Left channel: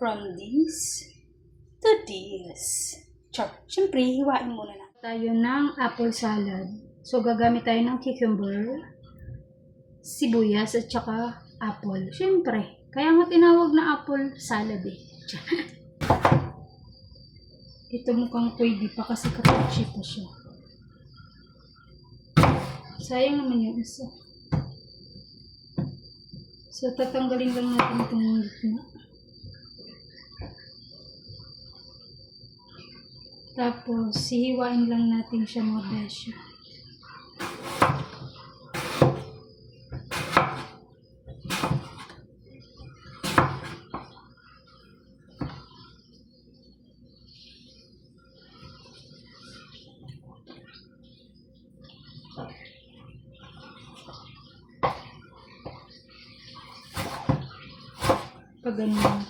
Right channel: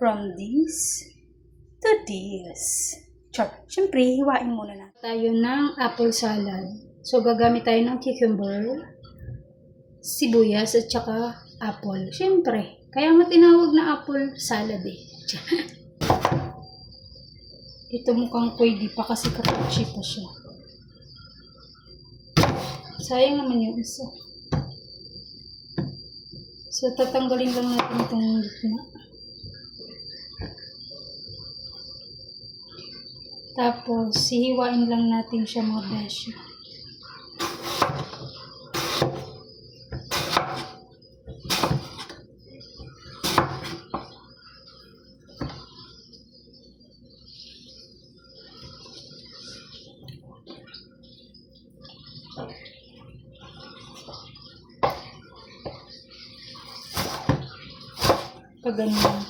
From this to this. Siyempre, hiwain muna natin. Tayo ng apple salad. So, gagamit tayo ng cucumber, sibuyas, at saka apple. Siyempre, kaya nga tinawag na apple salad eh. Ito mukhang pwede pa kasi kapuchi pa siya. Sayang naman yung isa. So, tatanggalin lang natin itong gitna. Tapos, hihiwain lang natin siya mga beshi. Pag ganyan.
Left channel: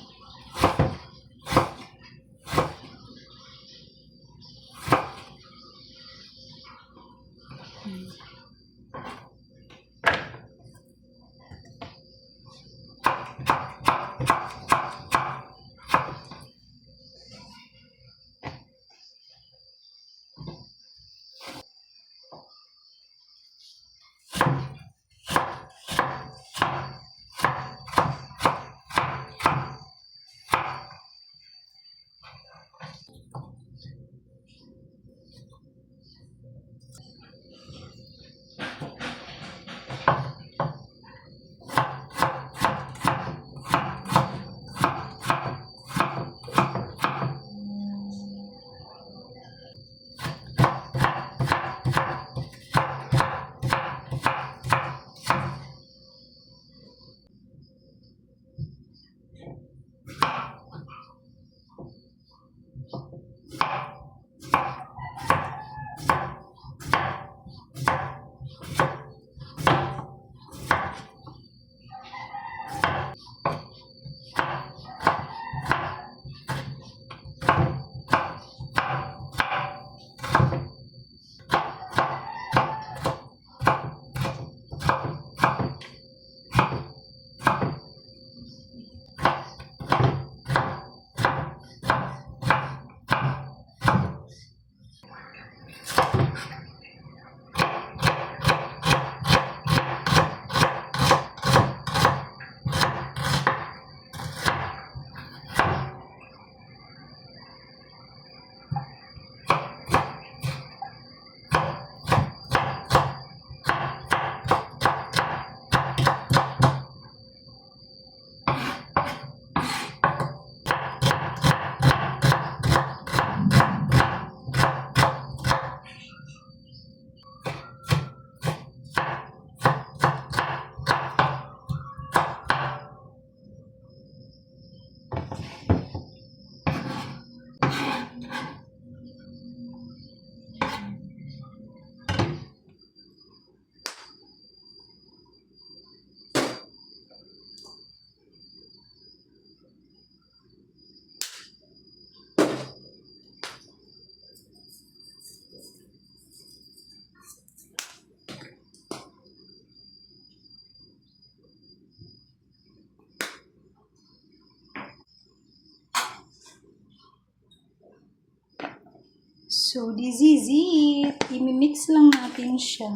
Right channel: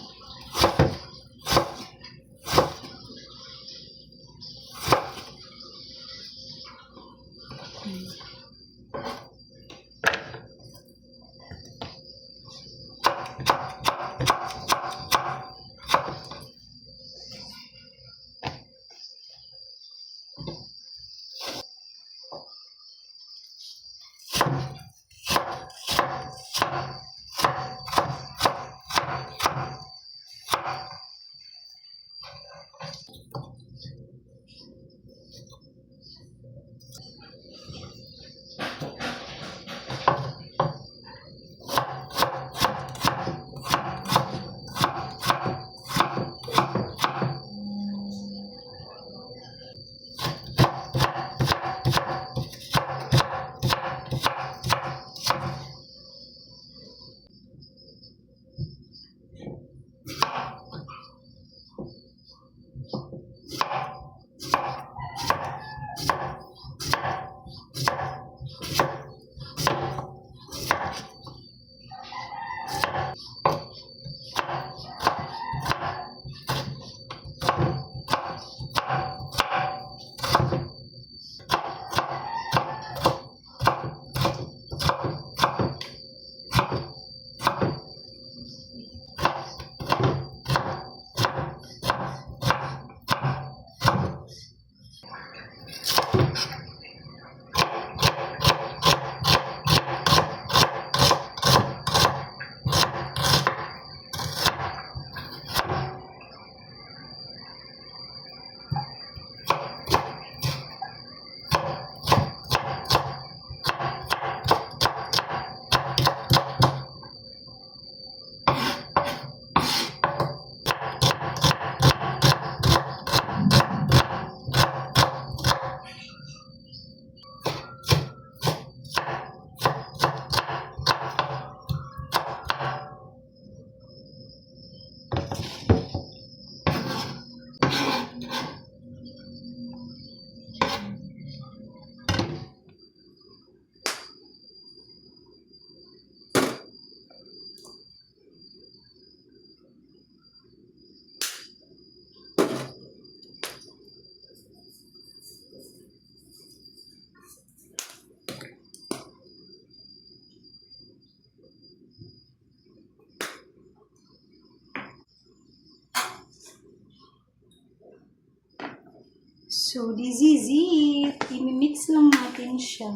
So, this is it. I-mix lang natin siya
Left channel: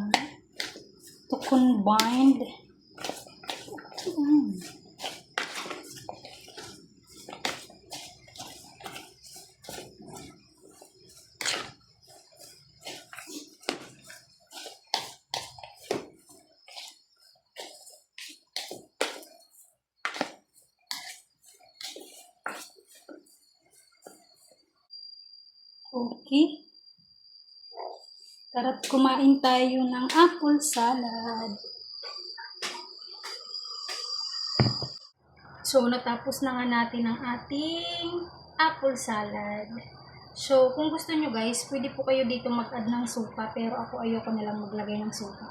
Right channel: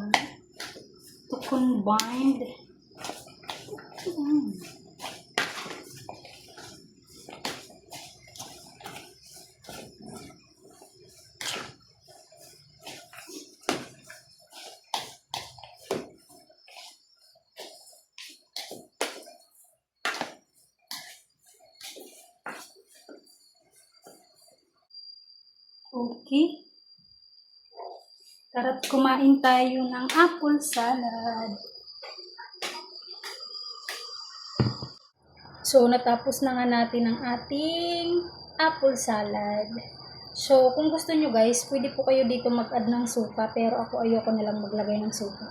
to combine. Okay. Tara't kumain tayo ng apple salad. So, natapos na nga natin ang ating apple salad. So, kung gusto nyo guys, pwede po kayo dito mag-add ng suka, pero ako ayoko nilang maglagay ng suka.